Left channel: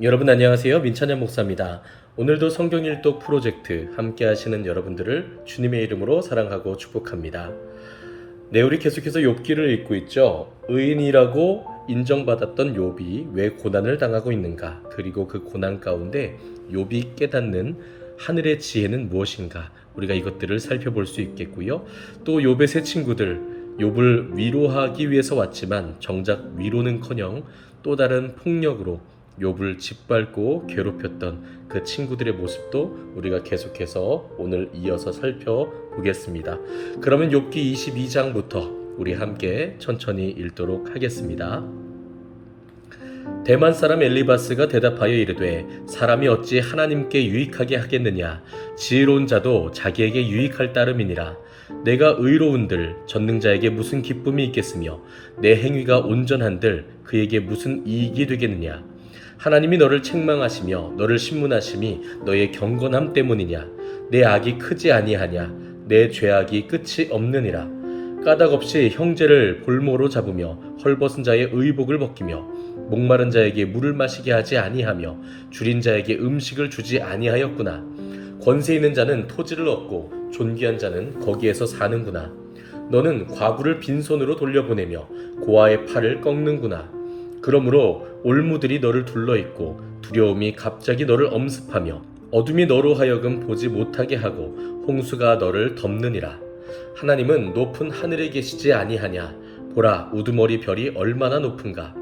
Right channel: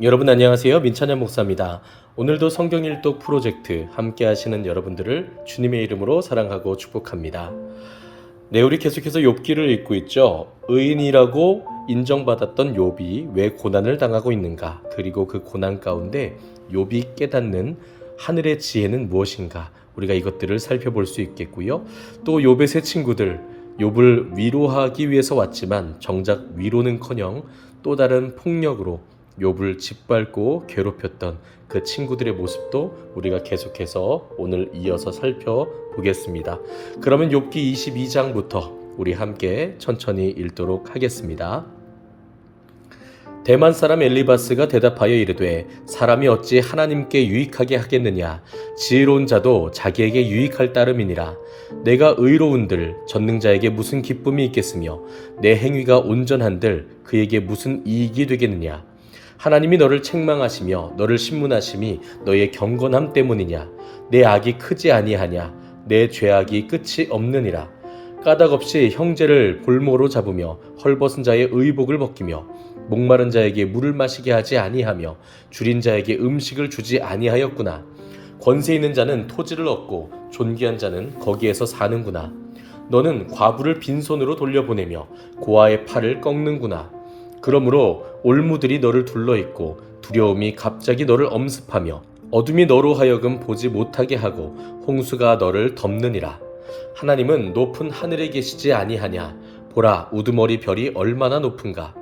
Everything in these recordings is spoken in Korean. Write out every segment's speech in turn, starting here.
여러분 안녕하세요. 민찬현 목사입니다. 오늘도 성경 일독 프로젝트 함께 하시는 여러분들을 주님의 이름으로 사랑하고 축복합니다. 네, 우리 계속해서 욥기를 읽고 있죠. 의인이라고 인정받았던 욥이 왜 고난을 당하고 있는가? 그리고 그 고난 가운데 욥이 깨닫는 하늘의 지혜는 무엇인가? 우리가 이것들을 살펴볼 수 있겠고요. 또 욥의 세 친구들, 욥을 위로하기 위해서 왔지만 정작 위로는커녕 또 다른 폭력으로 욥을 짓밟고 괴롭혔던 그 친구들의 모습도 우리가 계속해서 오늘 이어서 살펴보겠습니다. 그러면 욥기 22장부터 우리 함께 천천히 읽도록 하겠습니다. 대만 사람 엘리바스가 대답하여 이르되 사람이 어찌 하나님께 유익하게 하겠느냐 지혜로운 자도 자기에게 유익할 따름이니라. 내가 의로운들 전능자에게 무슨 기쁨이 있겠으며 내 행위가 온전한들 그에게 무슨 이익이 되겠느냐. 하나님이 너를 책망하시며 너를 신문하심이 너의 경건함 때문이냐. 내 악이 크지 아니하냐. 내 죄악이 끝이 없느니라. 까닭없이 형제를 볼모로 잡으며 헐벗은 자의 의복을 벗기며 목마른 자에게 물을 마시게 하지 아니하며 줄인 자에게 음식을 주지 아니하였구나. 권세 있는 자는 토지를 얻고 존귀한 자는 거기에서 사는구나. 너는 과부를 빈손으로 돌려보내며 고아의 팔을 꺾는구나. 그러므로 올무들이 너를 둘러있고 두려움이 갑자기 너를 엄습하며 어둠이 너로 하여금 보지 못하게 하고 홍수가 너를 덮느니라. 하나님은 높은 하늘에 계시지 아니하냐. 보라, 우두머리 별이 얼마나 높은가.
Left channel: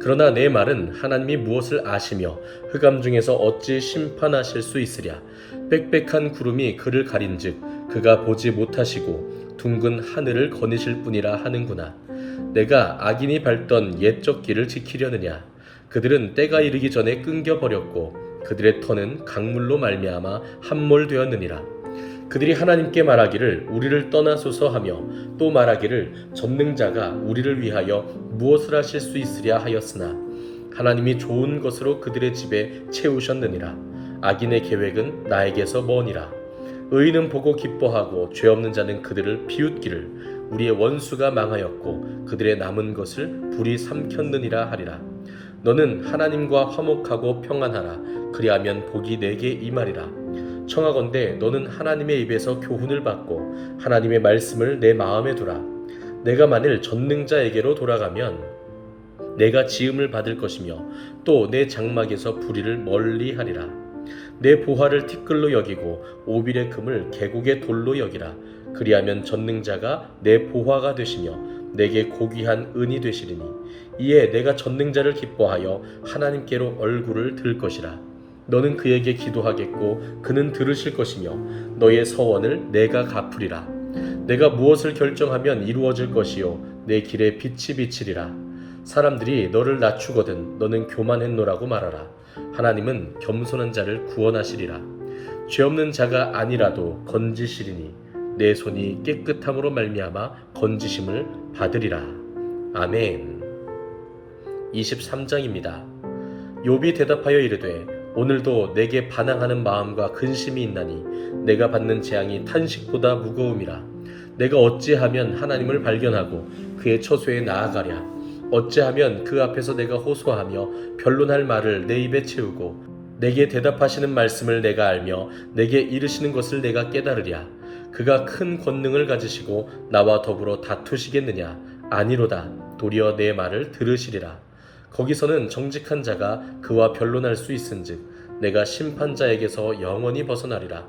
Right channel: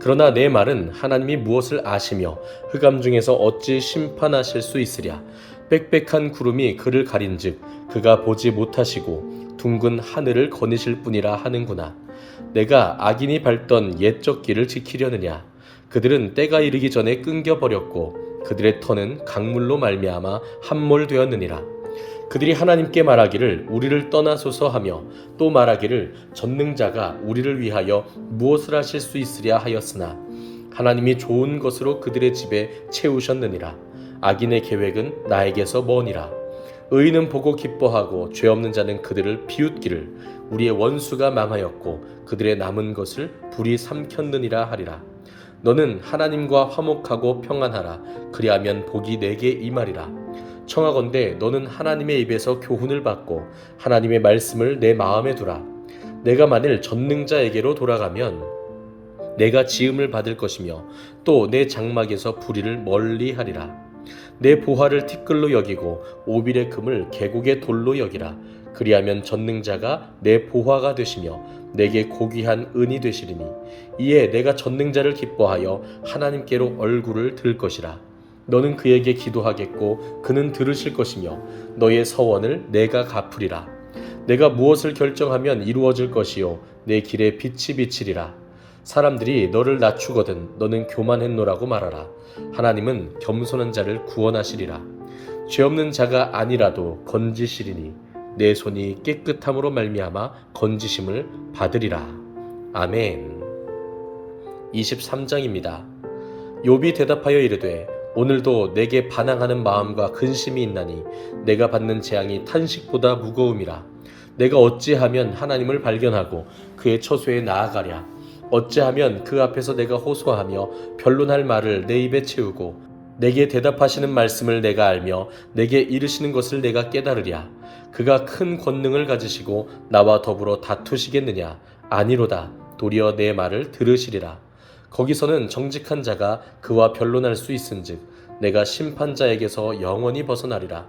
그러나 내 말은 하나님이 무엇을 아시며 흑암 중에서 어찌 심판하실 수 있으랴. 빽빽한 구름이 그를 가린즉 그가 보지 못하시고 둥근 하늘을 거니실 뿐이라 하는구나. 내가 악인이 밟던 옛적 길을 지키려느냐. 그들은 때가 이르기 전에 끊겨버렸고 그들의 터는 강물로 말미암아 함몰되었느니라. 그들이 하나님께 말하기를 우리를 떠나소서 하며 또 말하기를 전능자가 우리를 위하여 무엇을 하실 수 있으랴 하였으나 하나님이 좋은 것으로 그들의 집에 채우셨느니라. 악인의 계획은 나에게서 머니라. 의인은 보고 기뻐하고 죄 없는 자는 그들을 비웃기를 우리의 원수가 망하였고 그들의 남은 것을 불이 삼켰느니라 하리라. 너는 하나님과 화목하고 평안하라. 그리하면 복이 내게 임하리라. 청하건대 너는 하나님의 입에서 교훈을 받고 하나님의 말씀을 내 마음에 두라. 내가 만일 전능자에게로 돌아가면 내가 지음을 받을 것이며 또 내 장막에서 불의를 멀리하리라. 내 보화를 티끌로 여기고 오빌의 금을 계곡의 돌로 여기라. 그리하면 전능자가 내 보화가 되시며 내게 고귀한 은이 되시리니 이에 내가 전능자를 기뻐하여 하나님께로 얼굴을 들 것이라. 너는 그에게 기도하겠고 그는 들으실 것이며 너의 서원을 내가 갚으리라. 내가 무엇을 결정하면 이루어질 것이요 내 길에 빛이 비치리라. 사람들이 너를 낮추거든 너는 교만했노라고 말하라. 하나님은 겸손한 자를 구원하시리라. 죄 없는 자가 아니라도 건지시리니 내 손이 깨끗함으로 말미암아 건지심을 받으리라. 아멘. 23장입니다. 욥이 대답하여 이르되 오늘도 내게 반항하는 마음과 근심이 있나니 내가 받는 재앙이 탄식보다 무거움이라. 내가 어찌하면 하나님을 발견하고 그의 처소에 나아가랴. 어찌하면 그 앞에서 내가 호소하며 변론할 말을 내 입에 채우고 내게 대답하시는 말씀을 내가 알며 내게 이르시는 것을 내가 깨달으랴. 그가 큰 권능을 가지시고 나와 더불어 다투시겠느냐. 아니로다. 도리어 내 말을 들으시리라. 거기서는 정직한 자가 그와 변론할 수 있은즉 내가 심판자에게서 영원히 벗어나리라.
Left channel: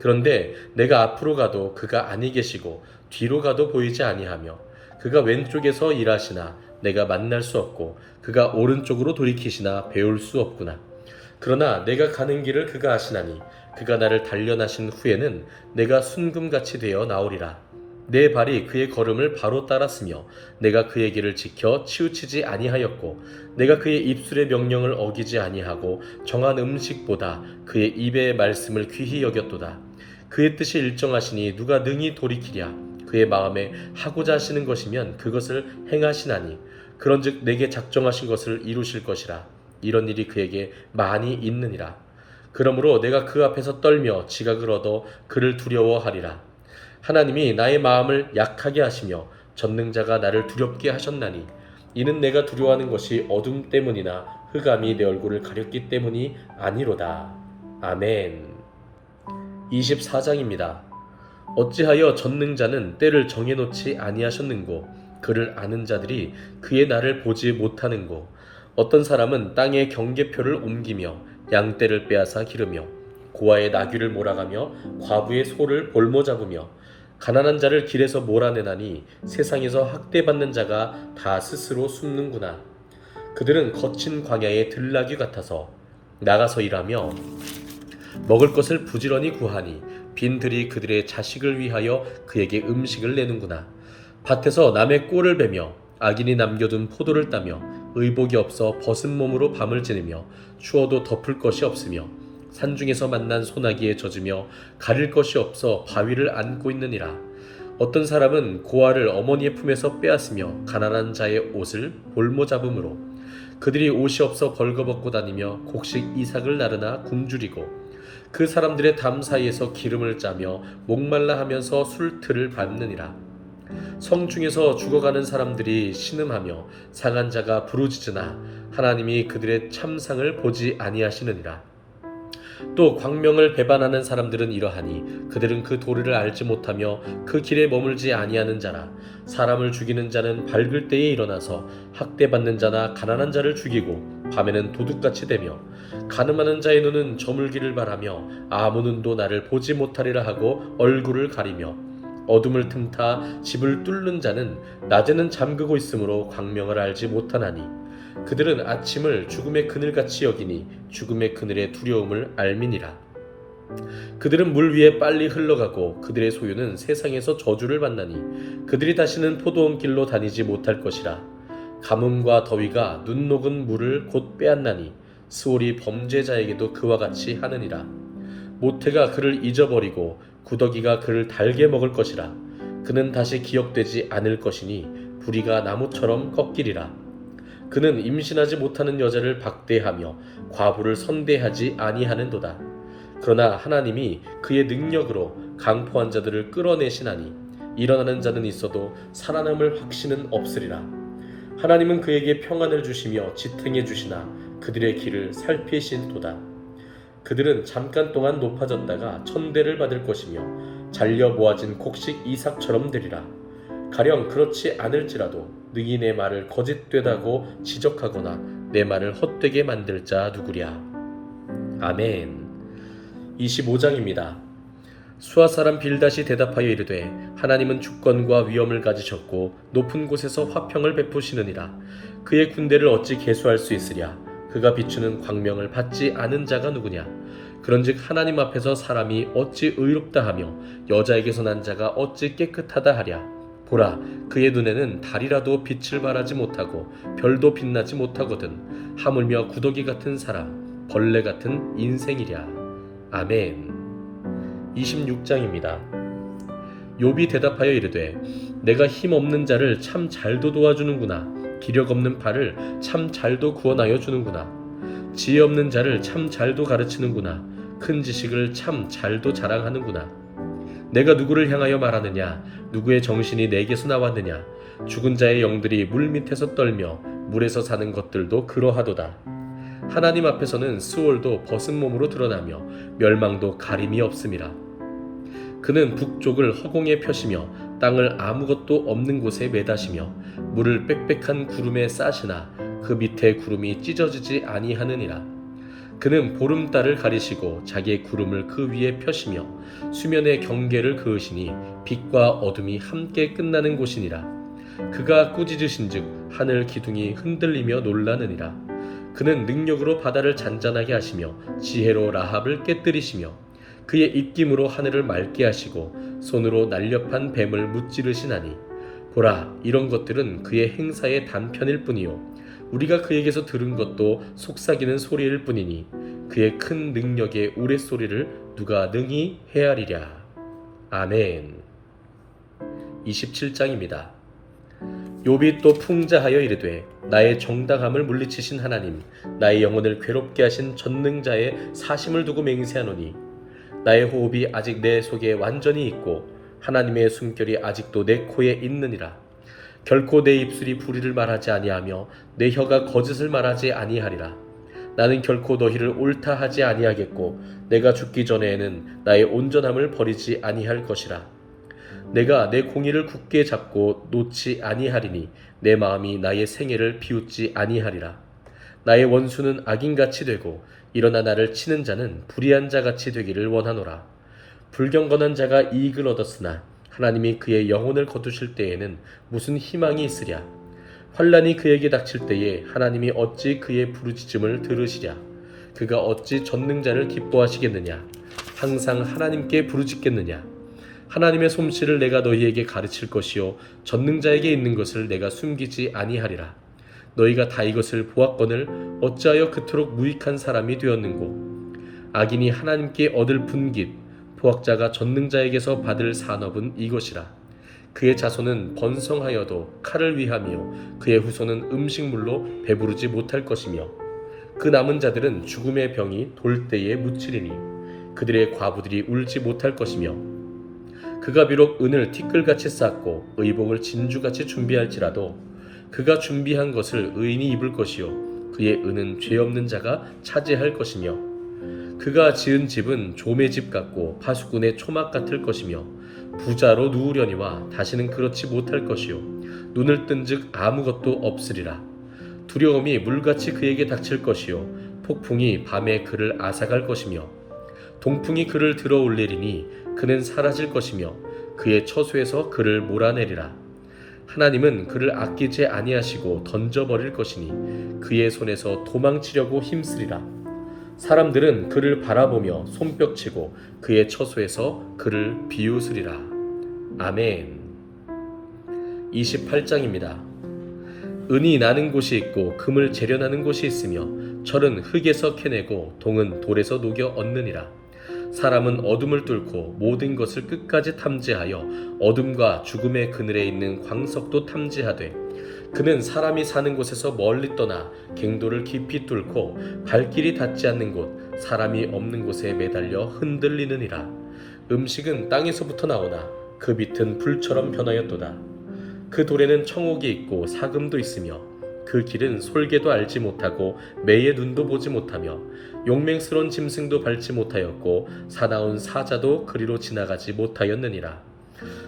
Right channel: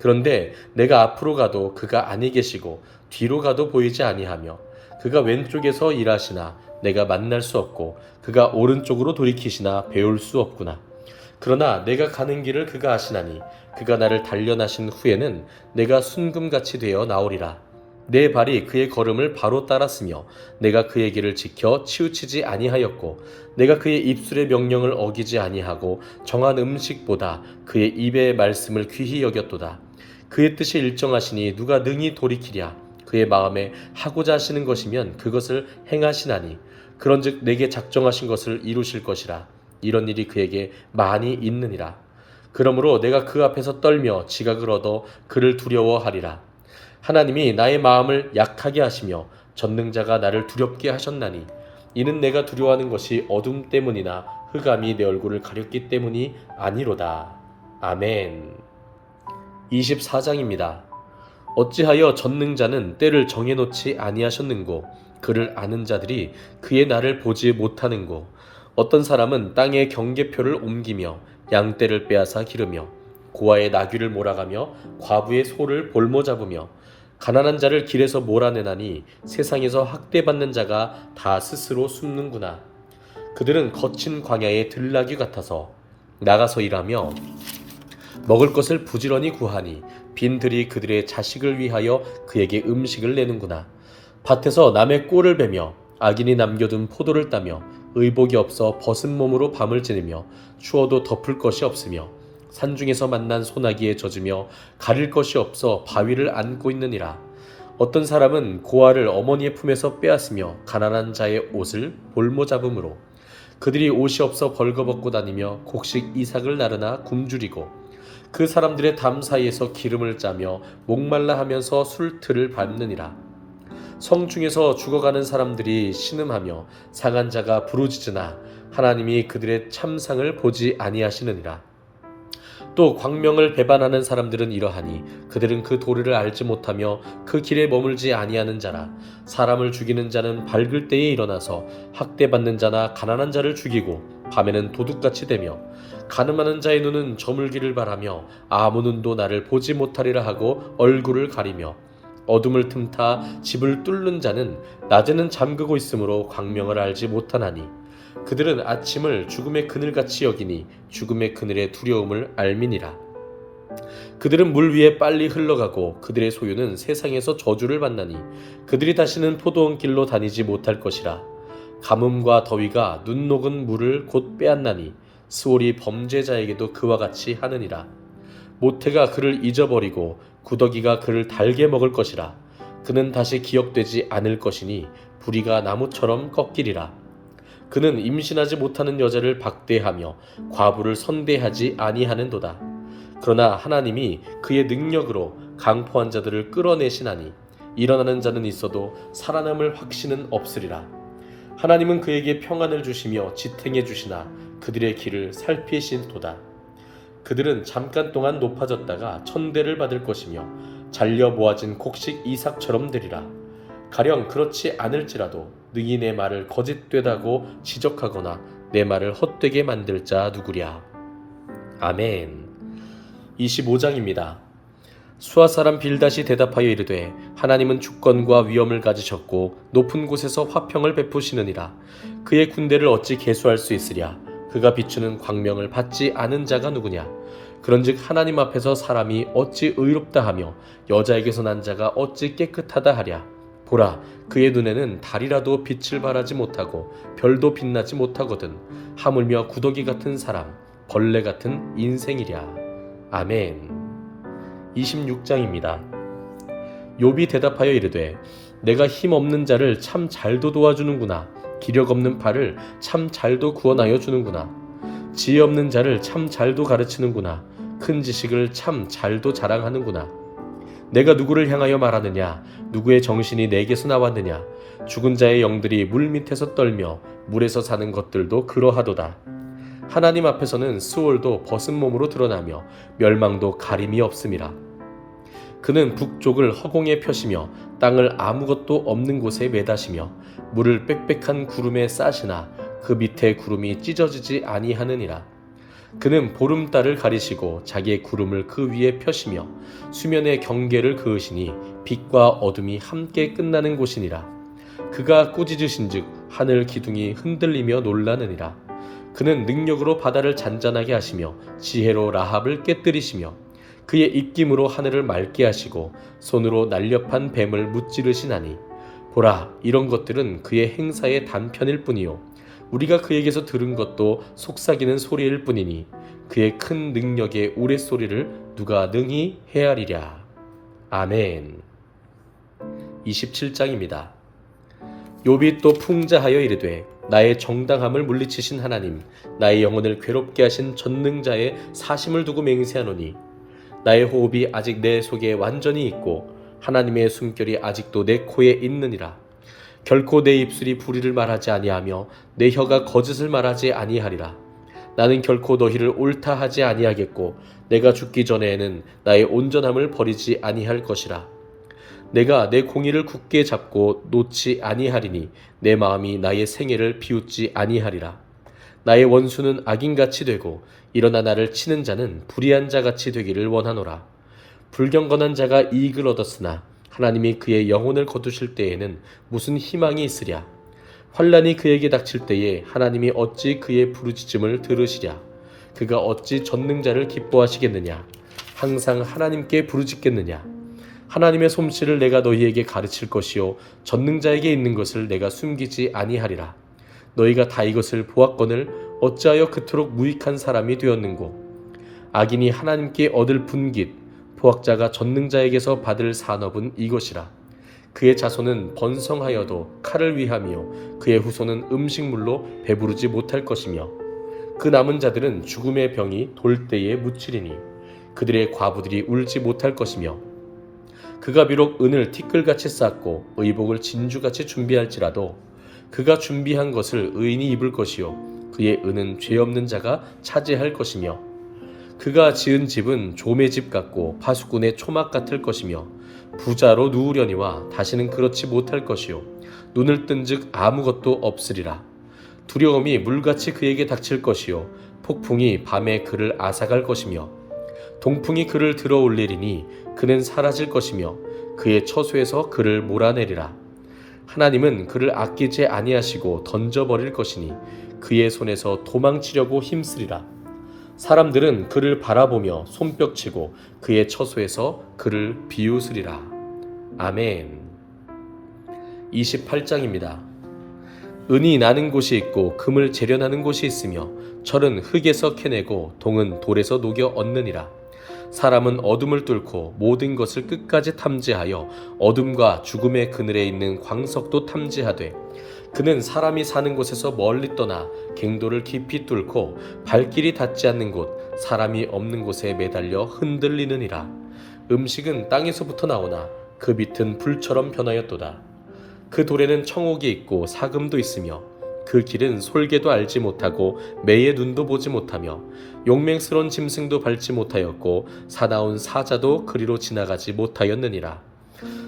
그런데 내가 앞으로 가도 그가 아니 계시고 뒤로 가도 보이지 아니하며 그가 왼쪽에서 일하시나 내가 만날 수 없고 그가 오른쪽으로 돌이키시나 배울 수 없구나. 그러나 내가 가는 길을 그가 아시나니 그가 나를 단련하신 후에는 내가 순금같이 되어 나오리라. 내 발이 그의 걸음을 바로 따랐으며 내가 그의 길을 지켜 치우치지 아니하였고 내가 그의 입술의 명령을 어기지 아니하고 정한 음식보다 그의 입의 말씀을 귀히 여겼도다. 그의 뜻이 일정하시니 누가 능히 돌이키랴. 그의 마음에 하고자 하시는 것이면 그것을 행하시나니 그런즉 내게 작정하신 것을 이루실 것이라. 이런 일이 그에게 많이 있느니라. 그러므로 내가 그 앞에서 떨며 지각을 얻어 그를 두려워하리라. 하나님이 나의 마음을 약하게 하시며 전능자가 나를 두렵게 하셨나니 이는 내가 두려워하는 것이 어둠 때문이나 흑암이 내 얼굴을 가렸기 때문이 아니로다. 아멘. 24장입니다. 어찌하여 전능자는 때를 정해놓지 아니하셨는고 그를 아는 자들이 그의 날을 보지 못하는고 어떤 사람은 땅의 경계표를 옮기며 양떼를 빼앗아 기르며 고아의 나귀를 몰아가며 과부의 소를 볼모 잡으며 가난한 자를 길에서 몰아내나니 세상에서 학대받는 자가 다 스스로 숨는구나. 그들은 거친 광야의 들나귀 같아서 나가서 일하며 먹을 것을 부지런히 구하니 빈들이 그들의 자식을 위하여 그에게 음식을 내는구나. 밭에서 남의 꼴을 베며 악인이 남겨둔 포도를 따며 의복이 없어 벗은 몸으로 밤을 지내며 추워도 덮을 것이 없으며 산중에서 만난 소나기에 젖으며 가릴 것이 없어 바위를 안고 있느니라. 어떤 사람은 고아를 어머니의 품에서 빼앗으며 가난한 자의 옷을 볼모 잡음으로 그들이 옷이 없어 벌거벗고 다니며 곡식 이삭을 나르나 굶주리고 그 사람들의 담 사이에서 기름을 짜며 목말라 하면서 술틀을 밟느니라. 성중에서 죽어가는 사람들이 신음하며 상한 자가 부르짖으나 하나님이 그들의 참상을 보지 아니하시느니라. 또 광명을 배반하는 사람들은 이러하니 그들은 그 도리를 알지 못하며 그 길에 머물지 아니하는 자라. 사람을 죽이는 자는 밝을 때에 일어나서 학대받는 자나 가난한 자를 죽이고 밤에는 도둑같이 되며 가늠하는 자의 눈은 저물기를 바라며 아무 눈도 나를 보지 못하리라 하고 얼굴을 가리며 어둠을 틈타 집을 뚫는 자는 낮에는 잠그고 있으므로 광명을 알지 못하나니 그들은 아침을 죽음의 그늘같이 여기니 죽음의 그늘의 두려움을 알미니라. 그들은 물 위에 빨리 흘러가고 그들의 소유는 세상에서 저주를 받나니 그들이 다시는 포도원 길로 다니지 못할 것이라. 가뭄과 더위가 눈 녹은 물을 곧 빼앗나니 스올이 범죄자에게도 그와 같이 하느니라. 모태가 그를 잊어버리고 구더기가 그를 달게 먹을 것이라. 그는 다시 기억되지 않을 것이니 부리가 나무처럼 꺾이리라. 그는 임신하지 못하는 여자를 박대하며 과부를 선대하지 아니하는도다. 그러나 하나님이 그의 능력으로 강포한 자들을 끌어내시나니 일어나는 자는 있어도 살아남을 확신은 없으리라. 하나님은 그에게 평안을 주시며 지탱해 주시나 그들의 길을 살피신도다. 그들은 잠깐 동안 높아졌다가 천대를 받을 것이며 잘려 모아진 곡식 이삭처럼 되리라. 가령 그렇지 않을지라도 능히 내 말을 거짓되다고 지적하거나 내 말을 헛되게 만들 자 누구랴. 아멘. 25장입니다. 수아 사람 빌닷이 대답하여 이르되 하나님은 주권과 위엄을 가지셨고 높은 곳에서 화평을 베푸시느니라. 그의 군대를 어찌 계수할 수 있으랴. 그가 비추는 광명을 받지 않은 자가 누구냐. 그런즉 하나님 앞에서 사람이 어찌 의롭다 하며 여자에게서 난 자가 어찌 깨끗하다 하랴. 보라, 그의 눈에는 달이라도 빛을 발하지 못하고 별도 빛나지 못하거든. 하물며 구더기 같은 사람, 벌레 같은 인생이랴. 아멘. 26장입니다. 욥이 대답하여 이르되 내가 힘없는 자를 참 잘도 도와주는구나. 기력 없는 팔을 참 잘도 구원하여 주는구나. 지혜 없는 자를 참 잘도 가르치는구나. 큰 지식을 참 잘도 자랑하는구나. 내가 누구를 향하여 말하느냐. 누구의 정신이 내게서 나왔느냐. 죽은 자의 영들이 물 밑에서 떨며 물에서 사는 것들도 그러하도다. 하나님 앞에서는 스올도 벗은 몸으로 드러나며 멸망도 가림이 없음이라. 그는 북쪽을 허공에 펴시며 땅을 아무것도 없는 곳에 매다시며 물을 빽빽한 구름에 싸시나 그 밑에 구름이 찢어지지 아니하느니라. 그는 보름달을 가리시고 자기의 구름을 그 위에 펴시며 수면의 경계를 그으시니 빛과 어둠이 함께 끝나는 곳이니라. 그가 꾸짖으신즉 하늘 기둥이 흔들리며 놀라느니라. 그는 능력으로 바다를 잔잔하게 하시며 지혜로 라합을 깨뜨리시며 그의 입김으로 하늘을 맑게 하시고 손으로 날렵한 뱀을 무찌르시나니 보라, 이런 것들은 그의 행사의 단편일 뿐이요 우리가 그에게서 들은 것도 속삭이는 소리일 뿐이니 그의 큰 능력의 우레소리를 누가 능히 헤아리랴. 아멘. 27장입니다. 욥이 또 풍자하여 이르되 나의 정당함을 물리치신 하나님, 나의 영혼을 괴롭게 하신 전능자의 사심을 두고 맹세하노니 나의 호흡이 아직 내 속에 완전히 있고 하나님의 숨결이 아직도 내 코에 있느니라. 결코 내 입술이 불의를 말하지 아니하며 내 혀가 거짓을 말하지 아니하리라. 나는 결코 너희를 옳다 하지 아니하겠고 내가 죽기 전에는 나의 온전함을 버리지 아니할 것이라. 내가 내 공의를 굳게 잡고 놓지 아니하리니 내 마음이 나의 생애를 비웃지 아니하리라. 나의 원수는 악인같이 되고 일어나 나를 치는 자는 불의한 자같이 되기를 원하노라. 불경건한 자가 이익을 얻었으나 하나님이 그의 영혼을 거두실 때에는 무슨 희망이 있으랴. 환난이 그에게 닥칠 때에 하나님이 어찌 그의 부르짖음을 들으시랴. 그가 어찌 전능자를 기뻐하시겠느냐. 항상 하나님께 부르짖겠느냐. 하나님의 솜씨를 내가 너희에게 가르칠 것이요 전능자에게 있는 것을 내가 숨기지 아니하리라. 너희가 다 이것을 보았거늘 어찌하여 그토록 무익한 사람이 되었는고. 악인이 하나님께 얻을 분깃 포학자가 전능자에게서 받을 산업은 이것이라. 그의 자손은 번성하여도 칼을 위하며 그의 후손은 음식물로 배부르지 못할 것이며 그 남은 자들은 죽음의 병이 돌 때에 묻히리니 그들의 과부들이 울지 못할 것이며 그가 비록 은을 티끌같이 쌓고 의복을 진주같이 준비할지라도 그가 준비한 것을 의인이 입을 것이요 그의 은은 죄 없는 자가 차지할 것이며 그가 지은 집은 조매 집 같고 파수꾼의 초막 같을 것이며 부자로 누우려니와 다시는 그렇지 못할 것이요 눈을 뜬즉 아무것도 없으리라. 두려움이 물같이 그에게 닥칠 것이요 폭풍이 밤에 그를 앗아갈 것이며 동풍이 그를 들어 올리리니 그는 사라질 것이며 그의 처소에서 그를 몰아내리라. 하나님은 그를 아끼지 아니하시고 던져버릴 것이니 그의 손에서 도망치려고 힘쓰리라. 사람들은 그를 바라보며 손뼉치고 그의 처소에서 그를 비웃으리라. 아멘. 28장입니다. 은이 나는 곳이 있고 금을 재련하는 곳이 있으며 철은 흙에서 캐내고 동은 돌에서 녹여 얻느니라. 사람은 어둠을 뚫고 모든 것을 끝까지 탐지하여 어둠과 죽음의 그늘에 있는 광석도 탐지하되 그는 사람이 사는 곳에서 멀리 떠나 갱도를 깊이 뚫고 발길이 닿지 않는 곳 사람이 없는 곳에 매달려 흔들리느니라. 음식은 땅에서부터 나오나 그 빛은 불처럼 변하였도다. 그 돌에는 청옥이 있고 사금도 있으며 그 길은 솔개도 알지 못하고 매의 눈도 보지 못하며 용맹스러운 짐승도 밟지 못하였고 사나운 사자도 그리로 지나가지 못하였느니라.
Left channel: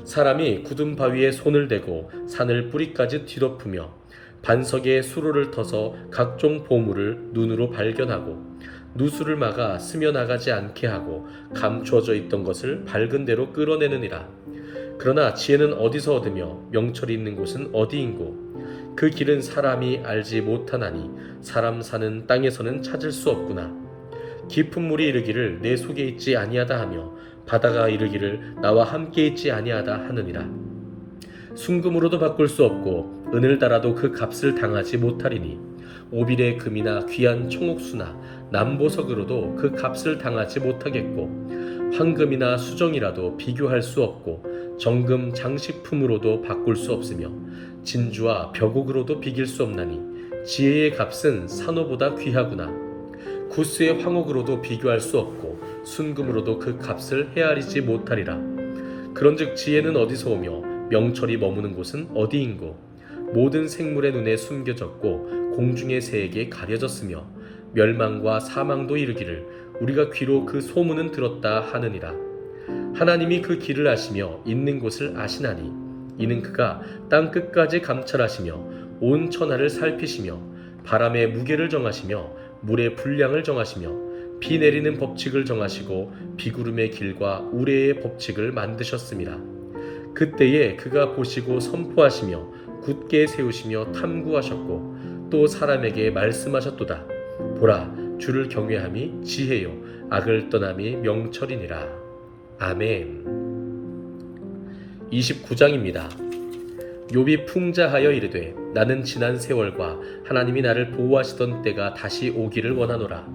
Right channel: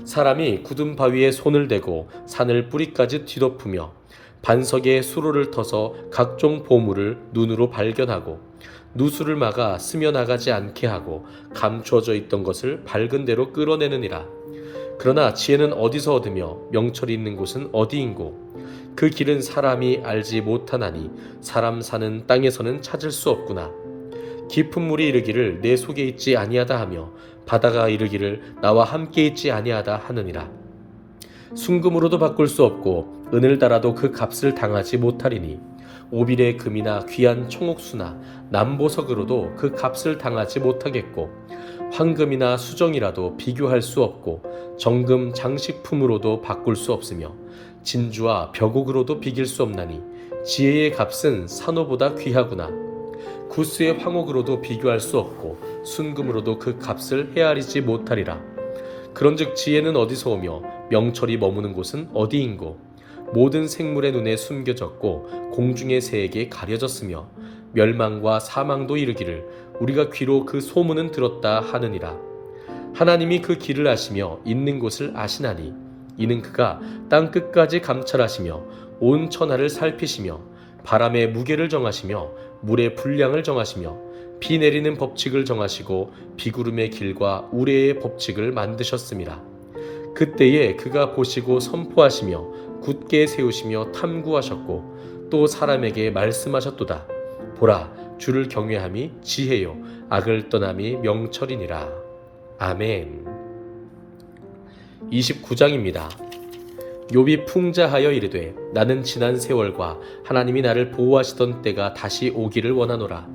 사람이 굳은 바위에 손을 대고 산을 뿌리까지 뒤덮으며 반석에 수로를 터서 각종 보물을 눈으로 발견하고 누수를 막아 스며나가지 않게 하고 감추어져 있던 것을 밝은 대로 끌어내느니라. 그러나 지혜는 어디서 얻으며 명철이 있는 곳은 어디인고 그 길은 사람이 알지 못하나니 사람 사는 땅에서는 찾을 수 없구나. 깊은 물이 이르기를 내 속에 있지 아니하다 하며 바다가 이르기를 나와 함께 있지 아니하다 하느니라. 순금으로도 바꿀 수 없고 은을 달아도 그 값을 당하지 못하리니 오빌의 금이나 귀한 청옥수나 남보석으로도 그 값을 당하지 못하겠고 황금이나 수정이라도 비교할 수 없고 정금 장식품으로도 바꿀 수 없으며 진주와 벽옥으로도 비길 수 없나니 지혜의 값은 산호보다 귀하구나. 구스의 황옥으로도 비교할 수 없고 순금으로도 그 값을 헤아리지 못하리라. 그런즉 지혜는 어디서 오며 명철이 머무는 곳은 어디인고 모든 생물의 눈에 숨겨졌고 공중의 새에게 가려졌으며 멸망과 사망도 이르기를 우리가 귀로 그 소문은 들었다 하느니라. 하나님이 그 길을 아시며 있는 곳을 아시나니 이는 그가 땅 끝까지 감찰하시며 온 천하를 살피시며 바람의 무게를 정하시며 물의 분량을 정하시며 비 내리는 법칙을 정하시고 비구름의 길과 우레의 법칙을 만드셨음이라. 그때에 그가 보시고 선포하시며 굳게 세우시며 탐구하셨고 또 사람에게 말씀하셨도다. 보라, 주를 경외함이 지혜요 악을 떠남이 명철이니라. 아멘. 29장입니다. 욥이 풍자하여 이르되 나는 지난 세월과 하나님이 나를 보호하시던 때가 다시 오기를 원하노라.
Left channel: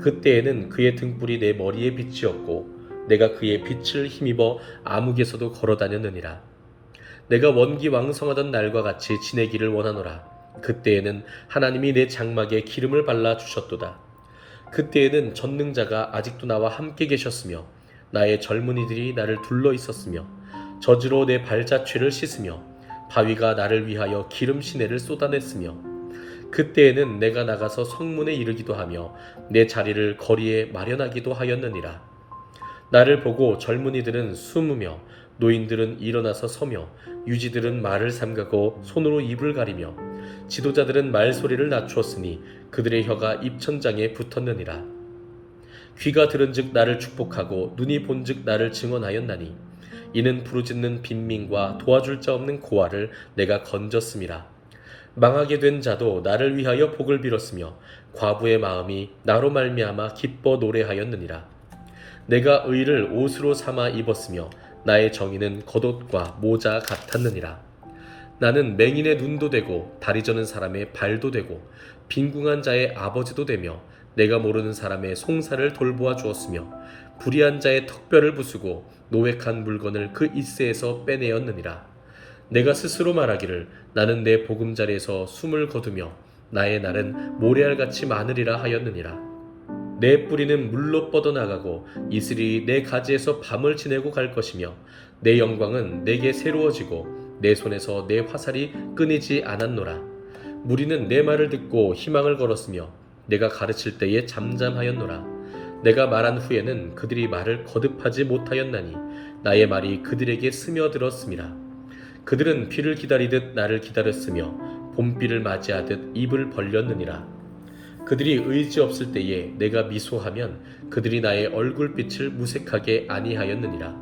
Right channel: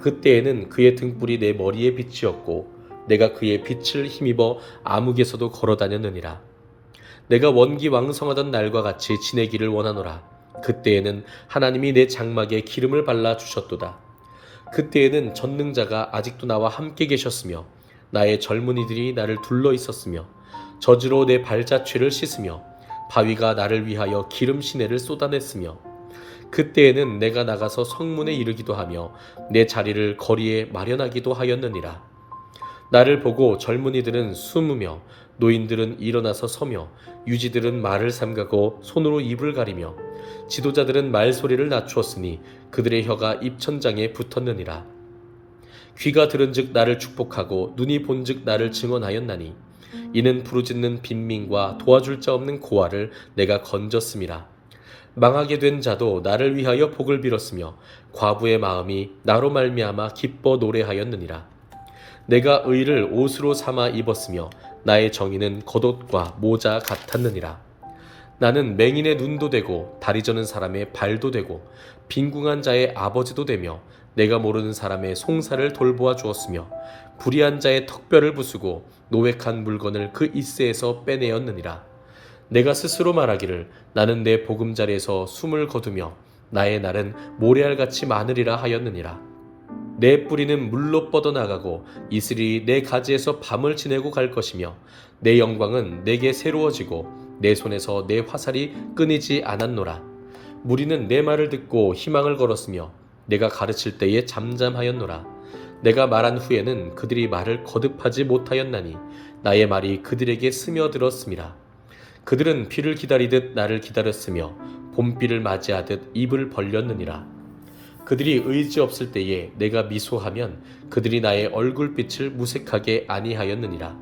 그때에는 그의 등불이 내 머리에 빛이었고 내가 그의 빛을 힘입어 암흑에서도 걸어다녔느니라. 내가 원기 왕성하던 날과 같이 지내기를 원하노라. 그때에는 하나님이 내 장막에 기름을 발라 주셨도다. 그때에는 전능자가 아직도 나와 함께 계셨으며 나의 젊은이들이 나를 둘러 있었으며 저지로 내 발자취를 씻으며 바위가 나를 위하여 기름 시내를 쏟아냈으며 그때에는 내가 나가서 성문에 이르기도 하며 내 자리를 거리에 마련하기도 하였느니라. 나를 보고 젊은이들은 숨으며 노인들은 일어나서 서며 유지들은 말을 삼가고 손으로 입을 가리며 지도자들은 말소리를 낮추었으니 그들의 혀가 입천장에 붙었느니라. 귀가 들은즉 나를 축복하고 눈이 본즉 나를 증언하였나니 이는 부르짖는 빈민과 도와줄 자 없는 고아를 내가 건졌음이라. 망하게 된 자도 나를 위하여 복을 빌었으며 과부의 마음이 나로 말미암아 기뻐 노래하였느니라. 내가 의를 옷으로 삼아 입었으며 나의 정의는 겉옷과 모자 같았느니라. 나는 맹인의 눈도 되고 다리 저는 사람의 발도 되고 빈궁한 자의 아버지도 되며 내가 모르는 사람의 송사를 돌보아 주었으며 불의한 자의 턱뼈를 부수고 노획한 물건을 그 잇새에서 빼내었느니라. 내가 스스로 말하기를 나는 내 보금자리에서 숨을 거두며 나의 날은 모래알같이 많으리라 하였느니라. 내 뿌리는 물로 뻗어나가고 이슬이 내 가지에서 밤을 지내고 갈 것이며 내 영광은 내게 새로워지고 내 손에서 내 화살이 끊이지 않았노라. 무리는 내 말을 듣고 희망을 걸었으며 내가 가르칠 때에 잠잠하였노라. 내가 말한 후에는 그들이 말을 거듭하지 못하였나니 나의 말이 그들에게 스며들었음이라. 그들은 비를 기다리듯 나를 기다렸으며 봄비를 맞이하듯 입을 벌렸느니라. 그들이 의지 없을 때에 내가 미소하면 그들이 나의 얼굴빛을 무색하게 아니하였느니라.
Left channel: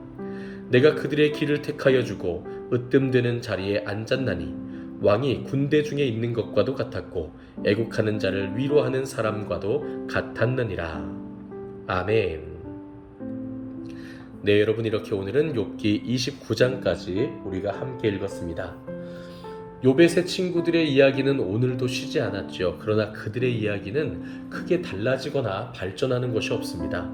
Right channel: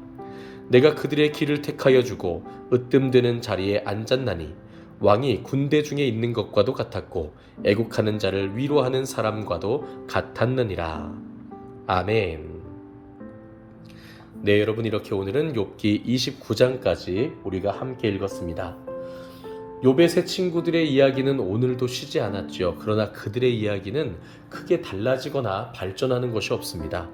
내가 그들의 길을 택하여 주고 으뜸되는 자리에 앉았나니 왕이 군대 중에 있는 것과도 같았고 애국하는 자를 위로하는 사람과도 같았느니라. 아멘. 네, 여러분, 이렇게 오늘은 욥기 29장까지 우리가 함께 읽었습니다. 욥의 세 친구들의 이야기는 오늘도 쉬지 않았죠. 그러나 그들의 이야기는 크게 달라지거나 발전하는 것이 없습니다.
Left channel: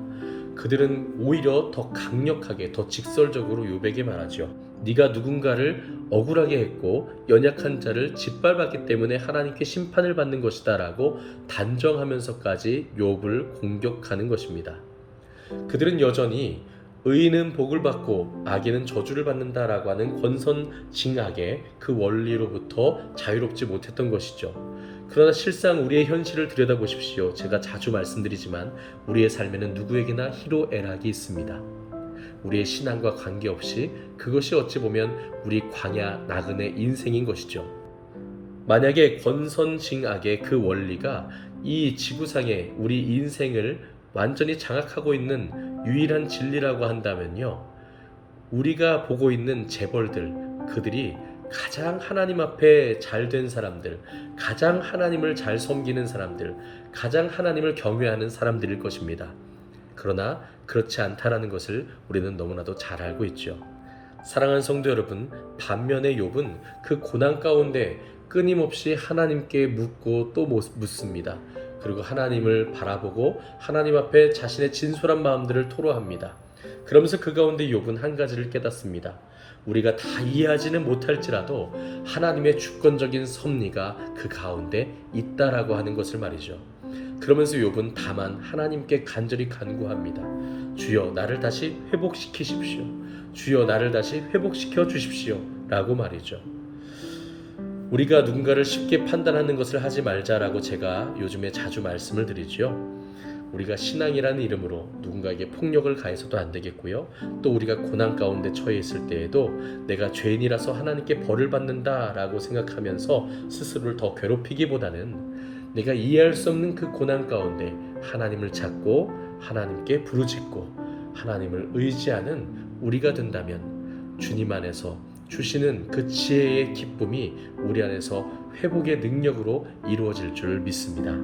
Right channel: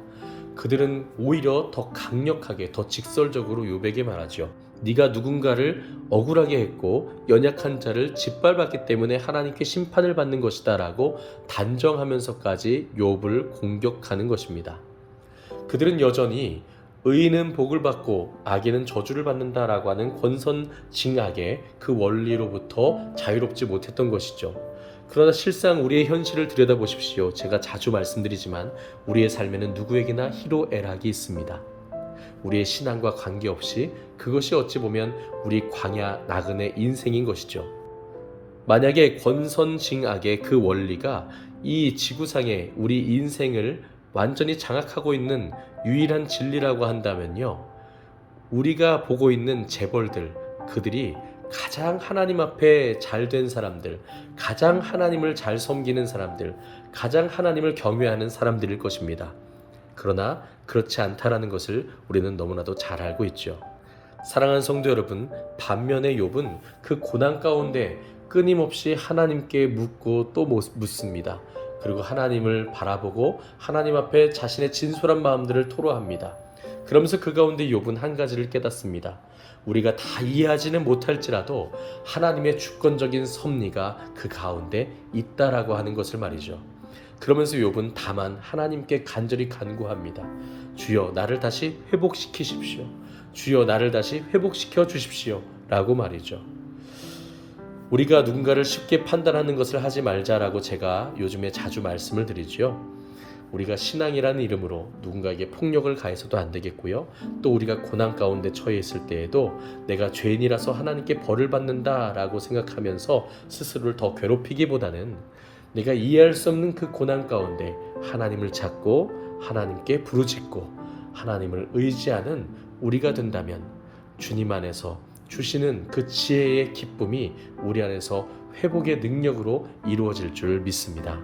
그들은 오히려 더 강력하게, 더 직설적으로 욥에게 말하죠. 네가 누군가를 억울하게 했고 연약한 자를 짓밟았기 때문에 하나님께 심판을 받는 것이다 라고 단정하면서까지 욥을 공격하는 것입니다. 그들은 여전히 의인은 복을 받고 악인은 저주를 받는다라고 하는 권선징악의 그 원리로부터 자유롭지 못했던 것이죠. 그러나 실상 우리의 현실을 들여다보십시오. 제가 자주 말씀드리지만 우리의 삶에는 누구에게나 희로애락이 있습니다. 우리의 신앙과 관계없이 그것이 어찌 보면 우리 광야 나그네 인생인 것이죠. 만약에 권선징악의 그 원리가 이 지구상의 우리 인생을 완전히 장악하고 있는 유일한 진리라고 한다면요, 우리가 보고 있는 재벌들, 그들이 가장 하나님 앞에 잘된 사람들, 가장 하나님을 잘 섬기는 사람들, 가장 하나님을 경외하는 사람들일 것입니다. 그러나 그렇지 않다라는 것을 우리는 너무나도 잘 알고 있죠. 사랑하는 성도 여러분, 반면에 욥은 그 고난 가운데 끊임없이 하나님께 묻고 또 묻습니다. 그리고 하나님을 바라보고 하나님 앞에 자신의 진솔한 마음들을 토로합니다. 그러면서 그 가운데 욥은 한 가지를 깨닫습니다. 우리가 다 이해하지는 못할지라도 하나님의 주권적인 섭리가 그 가운데 있다라고 하는 것을 말이죠. 그러면서 욥은 다만 하나님께 간절히 간구합니다. 주여, 나를 다시 회복시키십시오. 주여, 나를 다시 회복시켜 주십시오 라고 말이죠. 우리가 누군가를 쉽게 판단하는 것을 하지 말자라고 제가 요즘에 자주 말씀을 드리죠. 우리가 신앙이라는 이름으로 누군가에게 폭력을 가해서도 안 되겠고요. 또 우리가 고난 가운데 처해 있을 때에도 내가 죄인이라서 하나님께 벌을 받는다라고 생각하면서 스스로를 더 괴롭히기보다는 내가 이해할 수 없는 그 고난 가운데 하나님을 찾고 하나님께 부르짖고 하나님을 의지하는 우리가 된다면 주님 안에서 주시는 그 지혜의 기쁨이 우리 안에서 회복의 능력으로 이루어질 줄 믿습니다.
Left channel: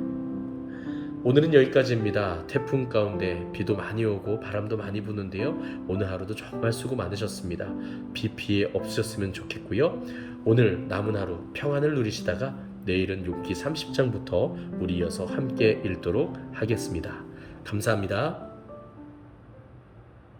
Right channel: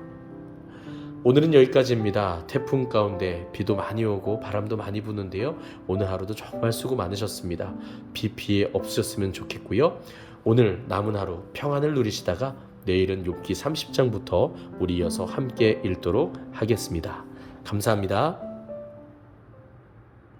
오늘은 여기까지입니다. 태풍 가운데 비도 많이 오고 바람도 많이 부는데요. 오늘 하루도 정말 수고 많으셨습니다. 비 피해 없으셨으면 좋겠고요. 오늘 남은 하루 평안을 누리시다가 내일은 욥기 30장부터 우리 이어서 함께 읽도록 하겠습니다. 감사합니다.